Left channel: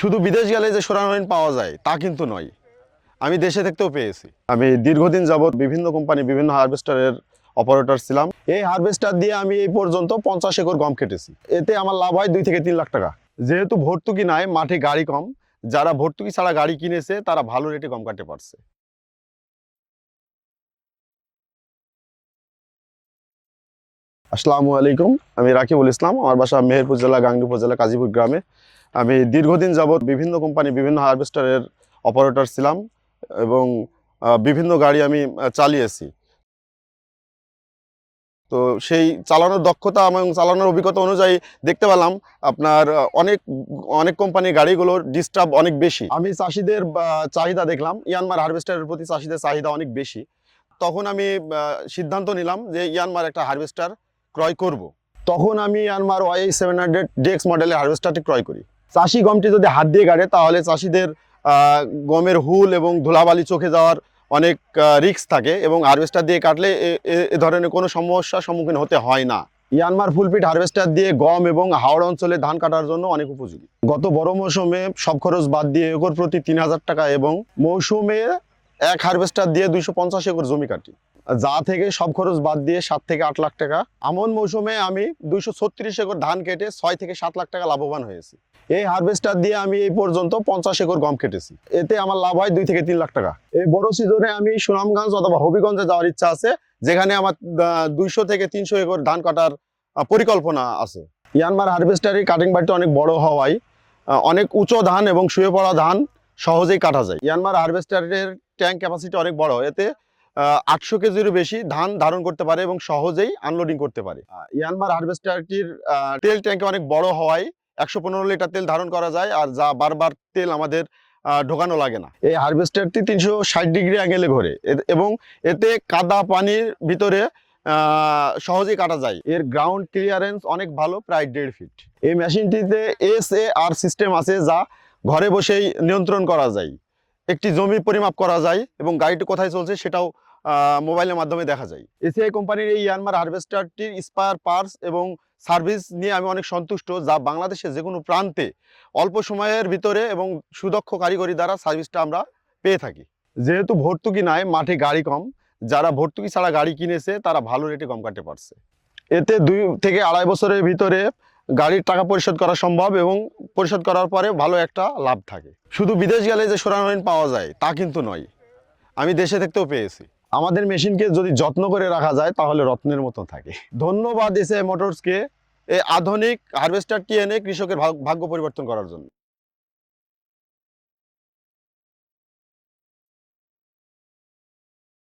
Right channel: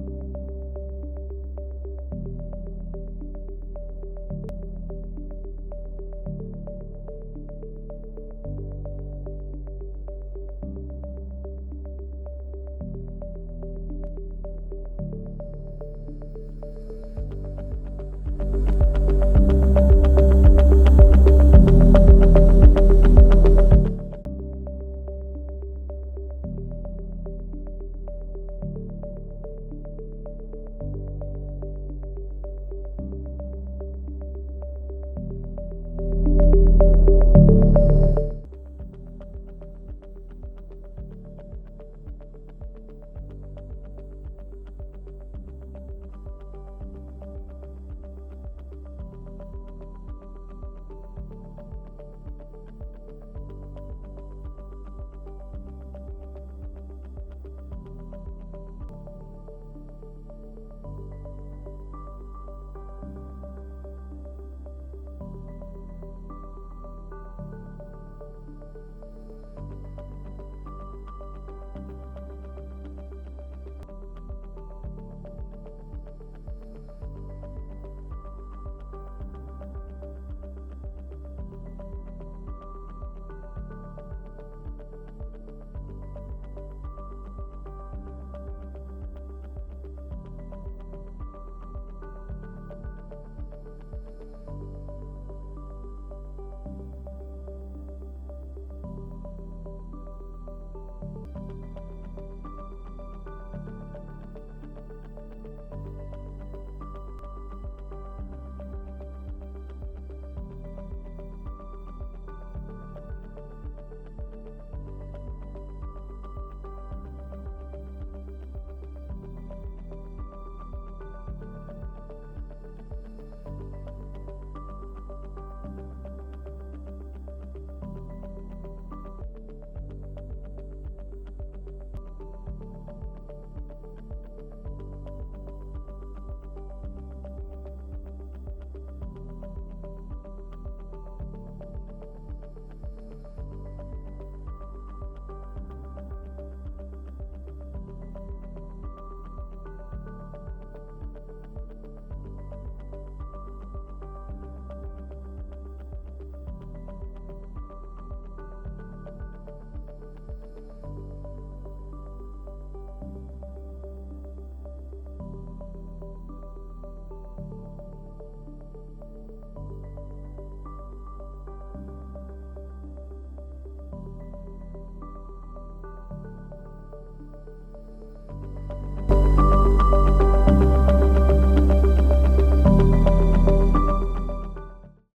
শুধু বিদেশ গেলে যে সোনারহরিণ পাওয়া যায় তা কিন্তু নয়, আমি দেশে থাকতেও পেয়েছি। আমি দীর্ঘদিন যাবৎ বিভিন্ন কোম্পানি বিভিন্ন হারভেস্টারের অপারেটর ছিলাম। এই হারভেস্টার দিয়ে আমি এই পর্যন্ত 50 একর গম কেটেছি। এতে আমার লাভ হয় 2 থেকে 3 লাখ টাকা। যেহেতু ভর্তুকি নাই, মাঠে গাড়ি কম, যারা ভর্তুকি ছাড়া গাড়ি কিনেছে তারা ভালো রেটে গম কাটতে পারছে। আসসালামু আলাইকুম, আমি রাকিবুল ইসলাম। আমার বাসা মেহেরপুর জেলা গাংনী উপজেলা কাজীপুর গ্রামে। আমি দীর্ঘদিন যাবৎ বিভিন্ন কোম্পানি বিভিন্ন হারভেস্টারের অপারেটর ছিলাম এবং বিভিন্ন গাড়ি আমি চালিয়েছি। তো সেই চালানোর দক্ষতা এবং চালানোর অভিজ্ঞতা অনুযায়ী দেখতে পেলাম আপনার অনেক কোম্পানির গাড়িগুলোর ডিস্টার্ব অনেক বেশি। আমি চাষিদের চাহিদা দেখলাম, ইয়ানমার হারভেস্টারের প্রতি চাষিদের চাহিদা অনেক বেশি। তখন আমি সিদ্ধান্ত নিলাম যে ইয়ানমার একটা হারভেস্টার ক্রয় করব। তখন আমি ইয়ানমার YI700 DX মডেলের হারভেস্টারটি ক্রয় করি। চাষি গমটি যদি হাত দিয়ে গাড়ে তাহলে চাষিদের গমের হুল এবং ধুলাবালি চোখে যাওয়ার অনেক রিস্ক থাকে এবং হারভেস্টার দিয়ে কাটলে এ ধরনের কোনো সমস্যার সম্মুখীন হতে হয় না। ইয়ানমার ফুলপিট হারভেস্টার দিয়ে গম এবং হাওড় অঞ্চলে ধান কাটার জন্য অনেক উপযোগী। গত বড় মৌসুমে সব খরচ বাদ দিয়ে একর প্রতি 3000 টাকা এবং মৌসুমে এক হারভেস্টার দিয়ে 250 একর জমি কাটি, যা থেকে সব খরচ বাদ দিয়ে 7 থেকে 8 লাখ টাকা। আমন মৌসুমে আমি 236 একর ধান কেটে 6 থেকে 7 লাখ টাকা লাভবান হয়েছে। এই হারভেস্টার দিয়ে আমি এই পর্যন্ত 50 একর গম কেটেছি। এতে আমার লাভ হয় 2 থেকে 3 লাখ টাকা। এই বড় সিজনে আমি সুনামগঞ্জ অথবা হবিগঞ্জে যাওয়ার ইচ্ছা আছে, যেখানে আমার 200 থেকে 300 একর ধান কাটার পরিকল্পনা আছে। ইয়ানমার হারভেস্টারের কাটিং বাড়িটা অনেক বড় হওয়ায় অনেক উঁচু ধান এবং শুয়ে পড়া ধান সহজেই কাটা যায়। ইয়ানমার হারভেস্টারের ট্যাঙ্ক ক্যাপাসিটি অনেক বড়, এতে 800 কেজিরও বেশি ধান ধারণ করতে পারে এবং সহজেই আনলোডিং করতে পারে। ইয়ানমার হারভেস্টারটির তেল ট্যাঙ্কে অনেক বড় হওয়ায় 115 লিটার তেল ধারণ করা যায়, আর যা বারবার তেল আমাদের ঢোকানো লাগে না। এই হারভেস্টারটি 360 ডিগ্রি অ্যাঙ্গেলে ঘোরে এবং এতে কাদা পানির ভিতরে সহজেই কাটা যায়। এর গ্রাউন্ড ক্লিয়ারেন্স অনেক ভালো, প্রায় 1.5 ফিট। এই মেশিনটিতে SAR সিস্টেম আছে, যা ঘরে বসেই নিয়ন্ত্রণ করা যায়। একটি জমি পরিমাপ করা যায় এবং গাড়িটি কোথায় চলছে সেটাও মোবাইলের মাধ্যমে দেখা যায়। এসিআই কোম্পানির এই ইয়ানমার হারভেস্টারটির স্পার পার্টস এবং সার্ভিস নিয়ে আমি অনেক সন্তুষ্ট, যা বাংলাদেশের যে কোনো প্রান্তে অল্প সময়ের ভিতরে এবং সুদক্ষ কারিগরি দ্বারা সার্ভিসটা আমরা পেয়ে থাকি। যেহেতু ভর্তুকি নাই, মাঠে গাড়ি কম, যারা ভর্তুকি ছাড়া গাড়ি কিনেছে তারা ভালো রেটে গম কাটতে পারছে। এতে 2 থেকে 2.5 বছরের ভিতরে গাড়ির টাকা পরিশোধ করা সম্ভব এবং পরিশোধ করার পরে ভালো একটা লাভ থাকে। শুধু বিদেশ গেলে যে সোনারহরিণ পাওয়া যায় তা কিন্তু নয়, আমি দেশে থাকতেও পেয়েছি। আমাদের মেশিনকে যদি যত্ন করে রাখা যায় তাহলে রত্নের মতো থাকে। ধন্যবাদ এসিআই মোটরসকে এই আধুনিক হারভেস্টারটি এনে কৃষকের ভাগ্য পরিবর্তন করার জন্য।